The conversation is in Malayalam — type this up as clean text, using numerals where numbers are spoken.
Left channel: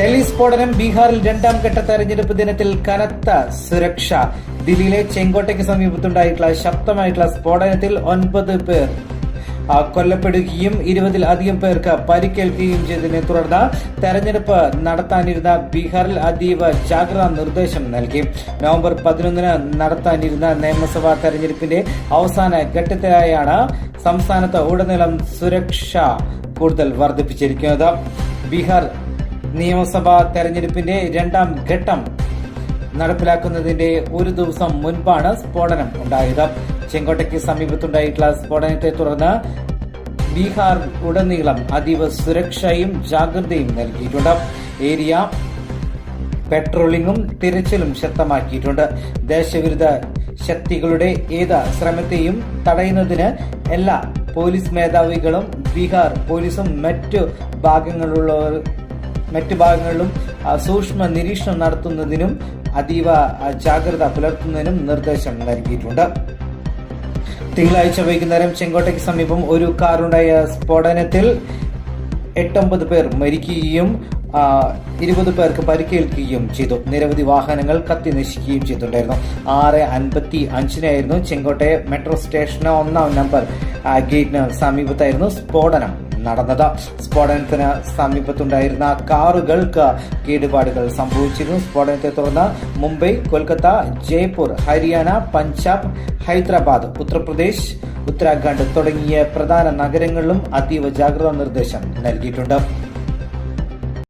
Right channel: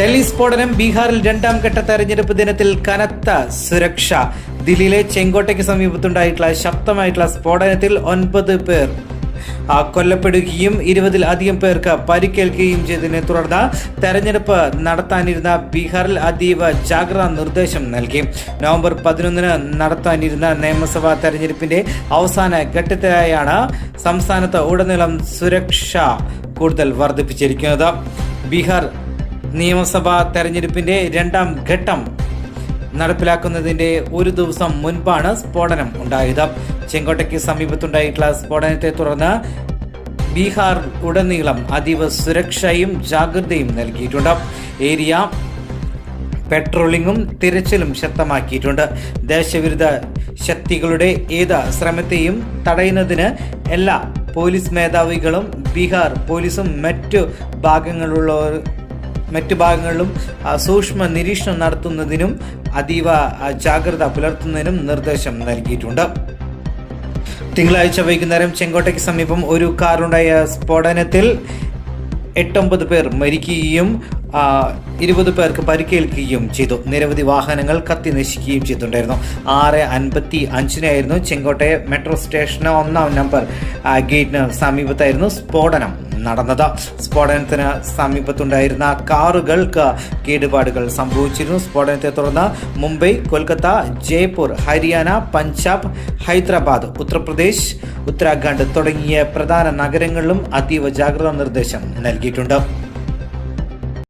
ഡൽഹി സ്ഫോടനം. ബീഹാറിൽ രണ്ടാം ഘട്ട തെരഞ്ഞെടുപ്പ് ദിനത്തിൽ കനത്ത സുരക്ഷ. ദില്ലിയിലെ ചെങ്കോട്ടയ്ക്ക് സമീപത്തുണ്ടായിട്ടുള്ള ശക്തമായിട്ടുള്ള സ്ഫോടനത്തിൽ 9 പേർ കൊല്ലപ്പെടുകയും 20-ലധികം പേർക്ക് പരിക്കേൽക്കുകയും ചെയ്തതിനെ തുടർന്ന് തെരഞ്ഞെടുപ്പ് നടത്താനിരുന്ന ബീഹാറിൽ അതീവ ജാഗ്രതാ നിർദ്ദേശം നൽകി. നവംബർ 11 നടത്താനിരുന്ന നിയമസഭാ തെരഞ്ഞെടുപ്പിന്റെ അവസാന ഘട്ടത്തിലായാണ് സംസ്ഥാനത്ത് ഉടനീളം സുരക്ഷ കൂടുതൽ വർദ്ധിപ്പിച്ചിരിക്കുന്നത്. ബീഹാർ നിയമസഭാ തെരഞ്ഞെടുപ്പിന്റെ രണ്ടാം ഘട്ടം നടപ്പിലാക്കുന്നതിന്റെ ഒരു ദിവസം മുൻപാണ് സ്ഫോടനം ഉണ്ടായത്. ചെങ്കോട്ടയ്ക്ക് സമീപത്തുണ്ടായിട്ടുള്ള സ്ഫോടനത്തെ തുടർന്ന് ബീഹാർ ഉടനീളം അതീവ സുരക്ഷയും ജാഗ്രതയും നൽകിയിട്ടുണ്ട്. ഏരിയ പെട്രോളിംഗും തിരച്ചിലും ശക്തമാക്കിയിട്ടുണ്ട്. ദേശവിരുദ്ധ ശക്തികളുടെ ഏത് ശ്രമത്തെയും തടയുന്നതിന് എല്ലാ പോലീസ് മേധാവികളും ബീഹാർ പോലീസും മറ്റു ഭാഗങ്ങളിലും സൂക്ഷ്മ നിരീക്ഷണം നടത്തുന്നതിനും അതീവ ജാഗ്രത പുലർത്തുന്നതിനും നിർദ്ദേശം നൽകിയിട്ടുണ്ട്. തിങ്കളാഴ്ച വൈകുന്നേരം ചെങ്കോട്ടയ്ക്ക് സമീപം ഒരു കാറുണ്ടായ സ്ഫോടനത്തിൽ 8-9 പേർ മരിക്കുകയും 20 പേർക്ക് പരിക്കേൽക്കുകയും ചെയ്തു. നിരവധി വാഹനങ്ങൾ കത്തി നശിക്കുകയും ചെയ്തിട്ടുണ്ടായിരുന്നു. 6:55 ചെങ്കോട്ടെ മെട്രോ സ്റ്റേഷന് 1-ാം നമ്പർ ഗേറ്റിന് സമീപത്തായിരുന്നു സ്ഫോടനം നടന്നത്. സ്ഫോടനത്തിന് സമീപത്തുണ്ടായിരുന്ന കാറുകൾക്ക് കേടുപാടുകൾ സംഭവിച്ചിരുന്നു. സ്ഫോടനത്തെ തുടർന്ന് മുംബൈ, കൊൽക്കത്ത, ജയ്പൂർ, ഹരിയാന, പഞ്ചാബ്, ഹൈദരാബാദ്, ഉത്തർപ്രദേശ്, ഉത്തരാഖണ്ഡ് തുടങ്ങിയ പ്രധാന നഗരങ്ങളിലും അതീവ ജാഗ്രതാ നിർദ്ദേശം നൽകിയിട്ടുണ്ട്.